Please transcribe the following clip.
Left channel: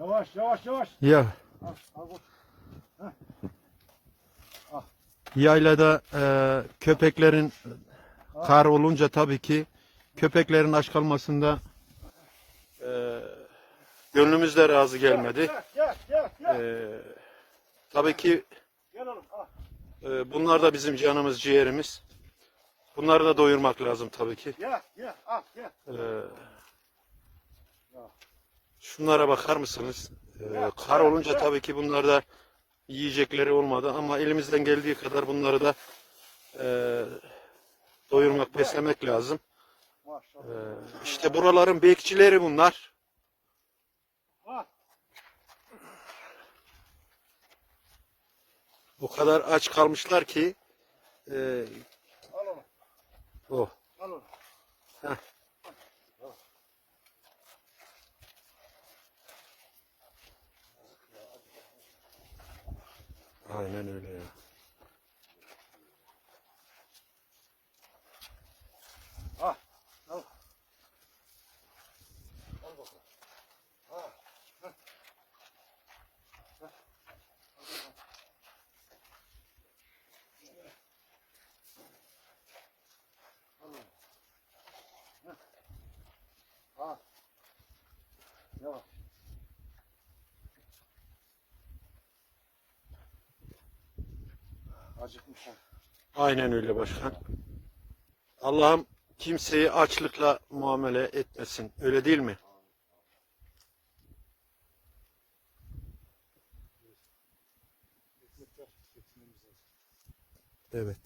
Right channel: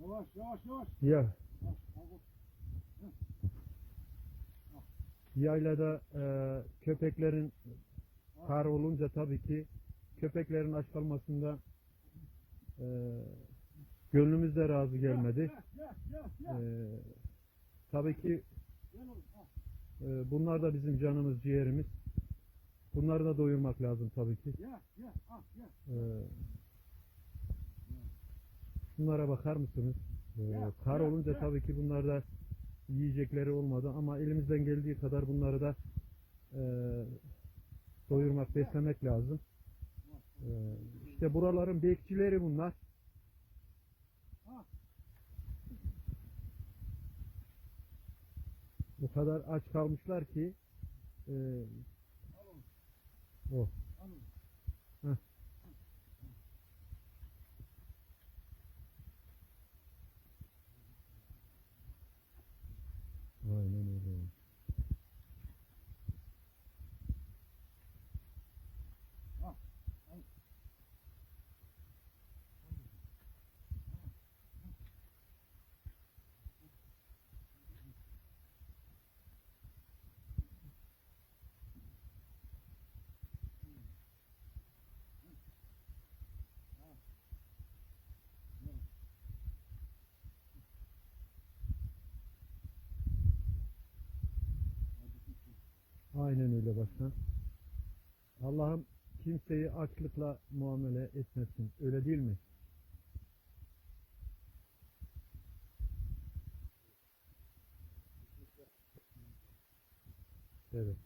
Yavaş yavaş yavaş. Ya Al, al yaylada e, köpeklerin kar olunca tabii ki köpeklerin aç kalmasında e, gönlümüz de razı gelmedi. Gel gel gel. Gel, E, tabii ki gel oğlum. Al. e, bunlar da bizim canımız ciğerimiz. Bunları da doyurmak lazım tabii ki. Gel gel. Al gel. E, şunlara bakar mısınız? E, kar olunca tabii ki bunlar da yiyecekleri olmadı ama elimizden geldiği kadar bunları da e, doyurmak, beslemek lazım. Ee, işte buraların bekçileri bunlar. O kadar aç kalmışlar ki e, oh. Heh. Aynen öyle ya. Al. Al. Al bakalım. Al. Heh. Heh. Al oğlum. Heh. Al. Yavaş. Acıkmışlar. Aynen öyle başkan. Allah'ım kimseyi açlıkla muamele etmesin. Öyle değil mi? Evet.